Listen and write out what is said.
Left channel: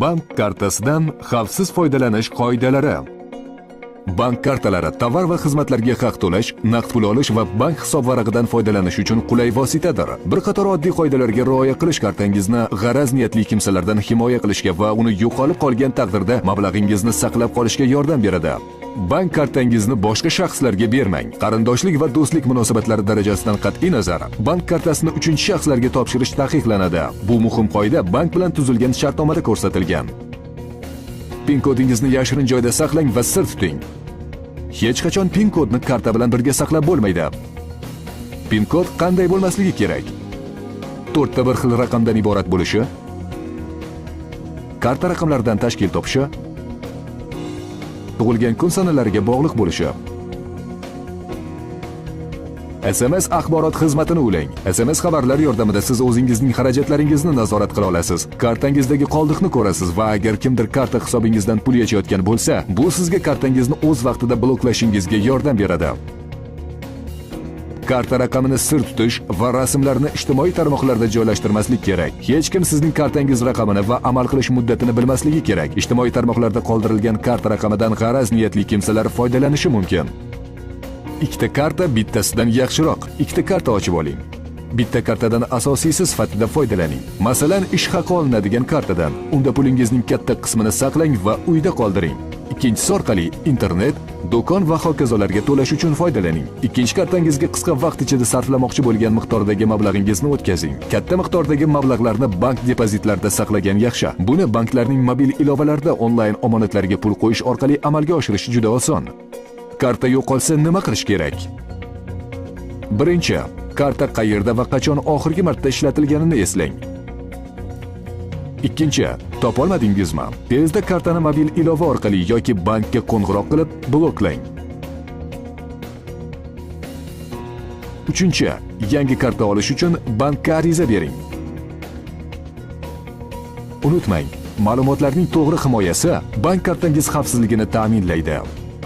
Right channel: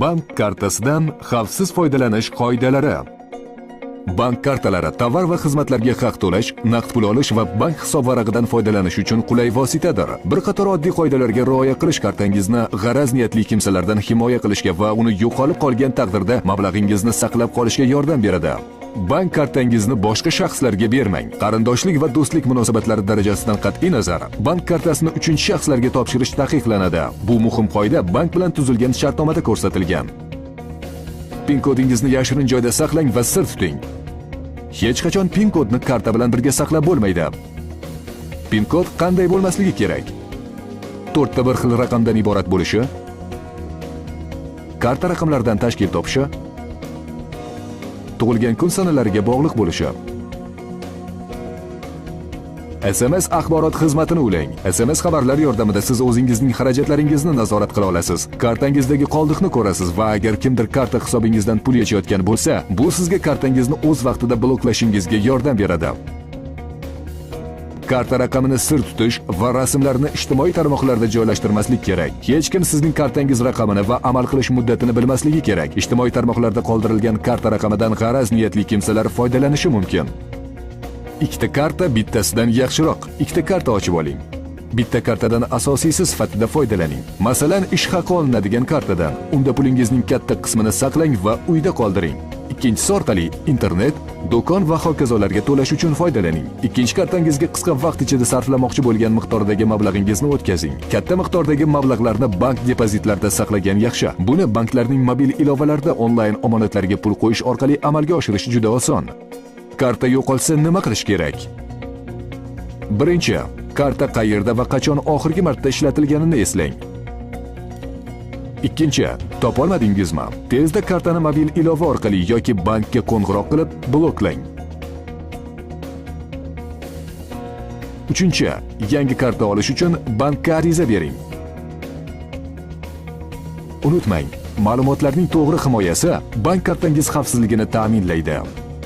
Bank kartasidan xavfsiz foydalanish qoidalari. Bank kartalari tovar va xizmatlarga haq to'lash, naqd pul olish va bank hisob varag'idan foydalanish uchun qulay vositadir. Bir qator oddiy qoidalarga rioya qilish kartangizni g'araz niyatli kimsalardan himoya qilishga va uni yo'qolib qolgan taqdirda mablag'ingizni saqlab qolishga yordam beradi. Bank kartangizni boshqa shaxslarga bermang. Qarindoshlik va do'stlik munosabatlari darajasidan qat'iy nazar, bank kartasini uchinchi shaxslarga topshirish taqiqlanadi. Bu muhim qoida bank bilan tuzilgan shartnomada ko'rsatilgan. PIN kodingizni yashirin joyda saqlang va sir tuting. Hech qachon PIN kodni karta bilan birga saqlab bo'lmaydi. PIN kod qanday bo'lmasligi kerak? 4 ta bir xil raqamdan iborat bo'lishi, karta raqamlaridan tashkil topishi, tug'ilgan kun sanalariga bog'liq bo'lishi. SMS axborot xizmatini ulang. SMS xabarlar yordamida siz o'zingizning xarajatlaringizni nazorat qila olasiz. Kartangizdagi qoldiqni ko'rasiz va agar kimdir karta hisobingizdan pul yechayotgan bo'lsa, bu sizga kartangizni o'z vaqtida bloklashingizga yordam beradi. Karta raqamini sir tutish va rasmlarni ijtimoiy tarmoqlarda joylashtirmaslik kerak. Hech kim sizning kartangiz raqamini va amal qilish muddatini bilmasligi kerak. Ijtimoiy tarmoqlarda qoldirilgan karta raqamidan g'araz niyatli kimsalar foydalanishi mumkin. Ikkita karta bittasidan yaxshiroq. Ikkita karta ochib oling. Bitta kartadan asosiysi sifatida foydalaning. Masalan, ish haqi olinadigan kartadan. Unda pulingizning katta qismini saqlang va uyda qoldiring. Ikkinchisi orqali internet, do'kon va hokazolarga to'lash uchun foydalaning. Ikkinchi kartangizga qisqa vaqt ichida sarflamoqchi bo'lgan miqdordagi mablag'ingizni o'tkazing. Katta miqdordagi mablag'larni bank depozitlarida saqlagan yaxshi. Buni banklarning mobil ilovalarida onlayn omonatlarga pul qo'yish orqali amalga oshirish juda oson. Karta yo'qolsa nima qilish kerak? Birinchi, karta qayerda va qachon oxirgi marta ishlatilganini eslang. Ikkinchi, topolmadingizmi? Tezda kartani mobil ilova orqali yoki bankka qo'ng'iroq qilib bloklang. Uchinchi, yangi karta olish uchun bankka ariza bering. Unutmang, ma'lumotlarning to'g'ri himoyasi bank kartangiz xavfsizligini ta'minlaydi.